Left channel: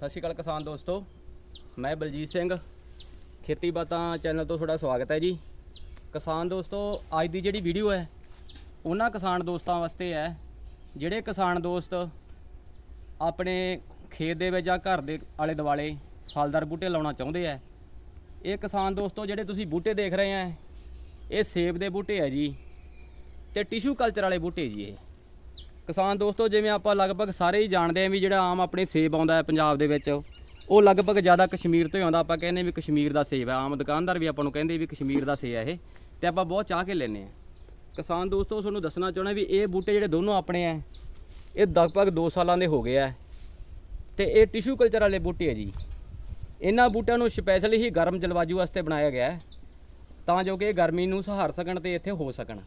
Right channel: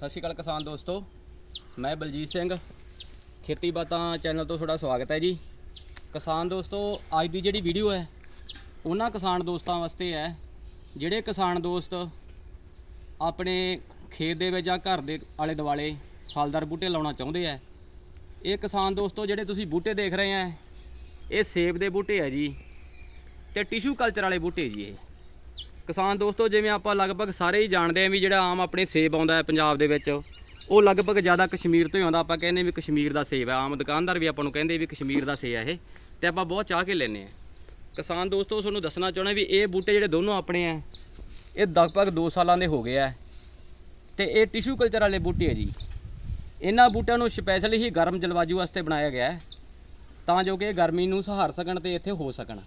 ਸਤਿ ਸ਼੍ਰੀ ਅਕਾਲ ਕਿਸਾਨ ਦੋਸਤੋ, ਮੈਂ ਬਲਜੀਤ ਸਿੰਘ ਖੇਤੀ ਬਾਤਾਂ ਚੈਨਲ ਤੋਂ ਤੁਹਾਡਾ ਸਵਾਗਤ ਹੈ ਜੀ। ਕਿਸਾਨ ਦੋਸਤੋ, ਅੱਜ ਦੀ ਜਿਹੜੀ ਵੀਡੀਓ ਹੈ, ਉਹਨਾਂ ਕਿਸਾਨ ਦੋਸਤਾਂ ਵਾਸਤੇ ਹੈ, ਜਿਹੜੇ ਕਿਸਾਨ ਦੋਸਤ ਆਪਣੇ ਖੇਤ ਦੇ ਵਿੱਚ ਜਾਂ ਘਰ ਦੇ ਆਲੇ ਦੁਆਲੇ ਫਲਦਾਰ ਬੂਟੇ ਲਾਉਣਾ ਚਾਹੁੰਦੇ ਆ ਇਹ ਕਿਸਾਨ ਦੋਸਤੋ, ਜਿਹੜੇ ਤੁਸੀਂ ਬੂਟੇ ਦੇਖ ਰਹੇ ਆ ਇਹ ਸੇਬ ਦੇ ਬੂਟੇ ਆ ਜੀ ਤੇ ਟਿਸ਼ੂ ਕਲਚਰ ਵਾਲੇ ਬੂਟੇ ਜੀ ਇਹ। ਕਿਸਾਨ ਦੋਸਤੋ, ਜਿਵੇਂ ਆਪਾਂ ਲਗਭਗ ਸਾਰੇ ਹੀ ਜਾਣਦੇ ਆ ਵੀ ਜਿਹੜਾ ਆਮ ਆਪਣੇ ਸੇਬ ਆਉਂਦਾ ਹੈ ਪੰਜਾਬ ਦੇ ਵਿੱਚ, ਉਹ ਲਗਭਗ ਜ਼ਿਆਦਾ ਕਸ਼ਮੀਰ ਤੋਂ ਹੀ ਆਉਂਦਾ। ਆਪਾਂ ਕਹਿੰਦੇ ਵੀ ਕਸ਼ਮੀਰ ਦਾ ਸੇਬ ਹੈ। ਆਮ ਦੁਕਾਨਦਾਰ ਵੀ ਆਪਾਂ ਨੂੰ ਕਹਿੰਦੇ ਵੀ ਕਸ਼ਮੀਰ ਦਾ ਸੇਬ ਹੈ ਇਹ, ਤੇ ਆਪਾਂ ਬਹੁਤ ਚਾਹ ਕੇ ਲੈਂਦੇ ਆ ਕਿਸਾਨ ਦੋਸਤੋ, ਤੁਹਾਨੂੰ ਦੱਸਣਾ ਚਾਹੁੰਦਾ ਵੀ ਇਹ ਬੂਟੇ ਜਿਹੜੇ ਦੋਨੋਂ ਆਪਣੇ ਆ ਇਹ ਲਗਭਗ 2 ਸਾਲਾਂ ਦੇ ਹੋ ਗਏ ਆ ਤੇ ਇਹ ਟਿਸ਼ੂ ਕਲਚਰ ਵਾਲੇ ਬੂਟੇ ਆ ਜੀ। ਇਹਨਾਂ ਬੂਟਿਆਂ ਨੂੰ ਸਪੈਸ਼ਲੀ ਹੀ ਗਰਮ ਜਲਵਾਯੂ ਵਾਸਤੇ ਬਣਾਇਆ ਗਿਆ ਹੈ, ਤਾਂ ਜੋ ਕਿ ਗਰਮੀ ਨੂੰ ਸਹਾਰ ਸਕਣ ਤੇ ਇੱਥੇ ਹੋ ਸਕਣ।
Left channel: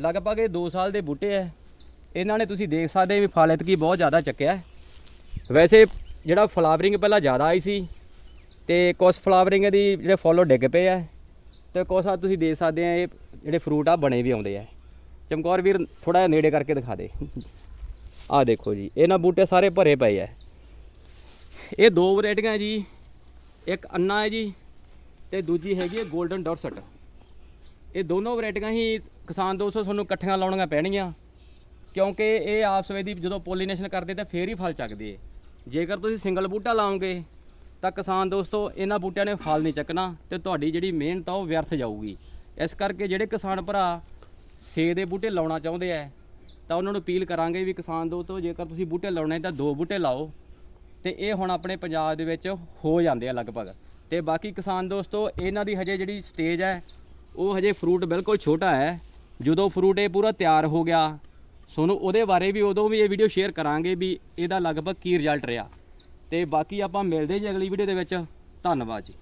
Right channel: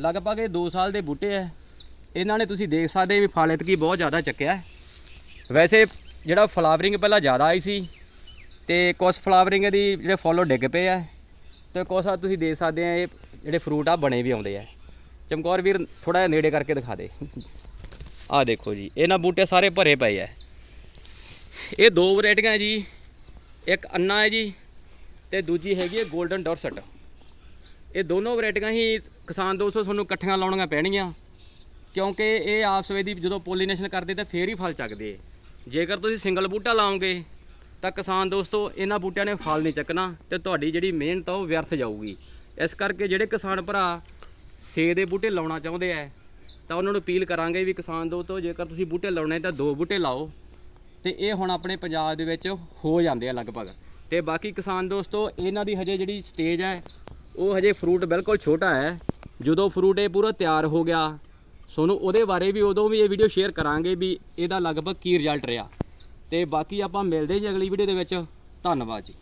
ਲਗਭਗ ਇਹ 2 ਸਾਲ ਦੇ ਬੂਟੇ ਹੈ। ਇਹਨਾਂ ਨੇ ਤੁਸੀਂ ਦੇਖ ਸਕਦੇ ਵੀ ਫਲ ਇਤਕੀ ਬਹੁਤ ਜ਼ਿਆਦਾ ਚੱਕਿਆ ਵੈਸੇ ਜਿਹੜਾ ਫਲਾਵਰਿੰਗ ਪਹਿਲਾਂ ਜ਼ਿਆਦਾ ਆਈ ਸੀ ਤੇ ਕੁਝ ਫਲਾਵਰਿੰਗ ਦੀ ਜਿਹੜੇ ਫੁੱਲ ਉਹ ਡਿੱਗ ਪਏ ਆ। ਤੇ ਕੁਛ ਆ ਤੁਸੀਂ ਦੇਖ ਸਕਦੇ ਆ, ਇਹ ਜਿਹੜੇ ਫਰੂਟ ਆ ਬਣੇ ਵੀ ਆਉਂਦੇ ਆ। ਚਮਕੌਰ ਵੀਰ ਥੋੜਾ ਜਿਹਾ ਨੇੜੇ ਕਰਕੇ ਦਿਖਾ ਦੇ। ਆਹ ਦੇਖੋ ਜੀ, ਇਹਨਾਂ ਬੂਟੇ ਸਾਰੇ ਭਰੇ ਪਏ ਆ। ਇਹ ਦੋ ਵੈਰਾਈਟੀਆਂ ਜੀ, ਇੱਕ ਅੰਨਾ ਹੈ ਜੀ ਤੇ ਦੂਜੀ ਹੈਗੀ ਹੈ 골ਡਨ ਡੋਰਸਟ। ਇਹ ਦੋਨੋਂ ਵੈਰਾਈਟੀਆਂ ਹੀ ਕਿਸਾਨ ਦੋਸਤੋ ਤੁਹਾਨੂੰ ਇਕੱਠੀਆਂ ਲਾਉਣੀਆਂ ਪੈਣਗੀਆਂ। ਕਿਉਂਕਿ ਇਹ ਆਪਸ ਵਿੱਚ ਦੀ ਜਦੋਂ ਪੋਲੀਨੇਸ਼ਨ ਕਰਦੇ ਤਾਂ ਫੇਰ ਹੀ ਫਲ ਚੱਕਦੇ ਜੇਕਰ ਤੁਸੀਂ ਸਿੰਗਲ ਬੂਟਾ ਲਾਓਗੇ, ਤਾਂ ਕਿਸਾਨ ਦੋਸਤੋ, ਇਹਨਾਂ ਬੂਟਿਆਂ ਨੇ ਫਲ ਨਹੀਂ ਚੱਕਣਾ ਤੇ ਤੁਹਾਡੀ ਜਿਹੜੀ ਮਿਹਨਤ ਆ ਉਹ ਵਿਅਰਥ ਜਾਊਗੀ। ਇਸ ਕਰਕੇ ਜਿਹੜੇ ਕਿਸਾਨ ਭਰਾ ਸੇ ਦੇ ਬੂਟੇ ਲਾਉਣਾ ਚਾਹੁੰਦੇ ਆ, ਤਾਂ ਉਹਨਾਂ ਨੂੰ ਅਪੀਲ ਕਰਾਂਗੇ ਵੀ ਕਿਸਾਨ ਦੋਸਤੋ, ਜੇਕਰ ਤੁਸੀਂ ਬੂਟੇ ਲਾਉਣੇ ਤਾਂ ਦੋ ਬੂਟੇ ਲਾਓ ਤੇ ਇਹ ਹੁਣ ਆਪਣੇ ਪੰਜਾਬ ਦੇ ਵਿੱਚ ਹੋ ਜਾਂਦੇ ਆ ਲਗਭਗ। ਤੇ ਬਾਕੀ ਕਿਸਾਨ ਦੋਸਤੋ, ਇਹਨਾਂ ਦੀ ਹਜੇ ਜਿਹੜੀ ਸਟੇਜ ਹੈ, ਉਹ ਹਜੇ ਫਰੂਟ ਬਿਲਕੁਲ ਛੋਟਾ ਹੈ। ਜਦੋਂ ਫਰੂਟ ਇਹ ਪੂਰਾ ਤਿਆਰ ਹੋ ਗਿਆ ਤੁਹਾਨੂੰ ਉਹਦੇ ਬਾਰੇ ਵੀ ਉਦੋਂ ਵੀ ਇਹ ਵੀਡੀਓ ਸ਼ੇਅਰ ਕਰਾਂਗੇ ਵੀ ਇਹਦਾ ਲਗਭਗ ਕੀ ਰਿਜ਼ਲਟ ਰਿਹਾ। ਤੇ ਬਾਕੀ ਆਪਾਂ ਮਿਲਦੇ ਜੀ ਅਗਲੀ ਵੀਡੀਓ ਦੇ ਵਿੱਚ। ਧੰਨਵਾਦ ਜੀ।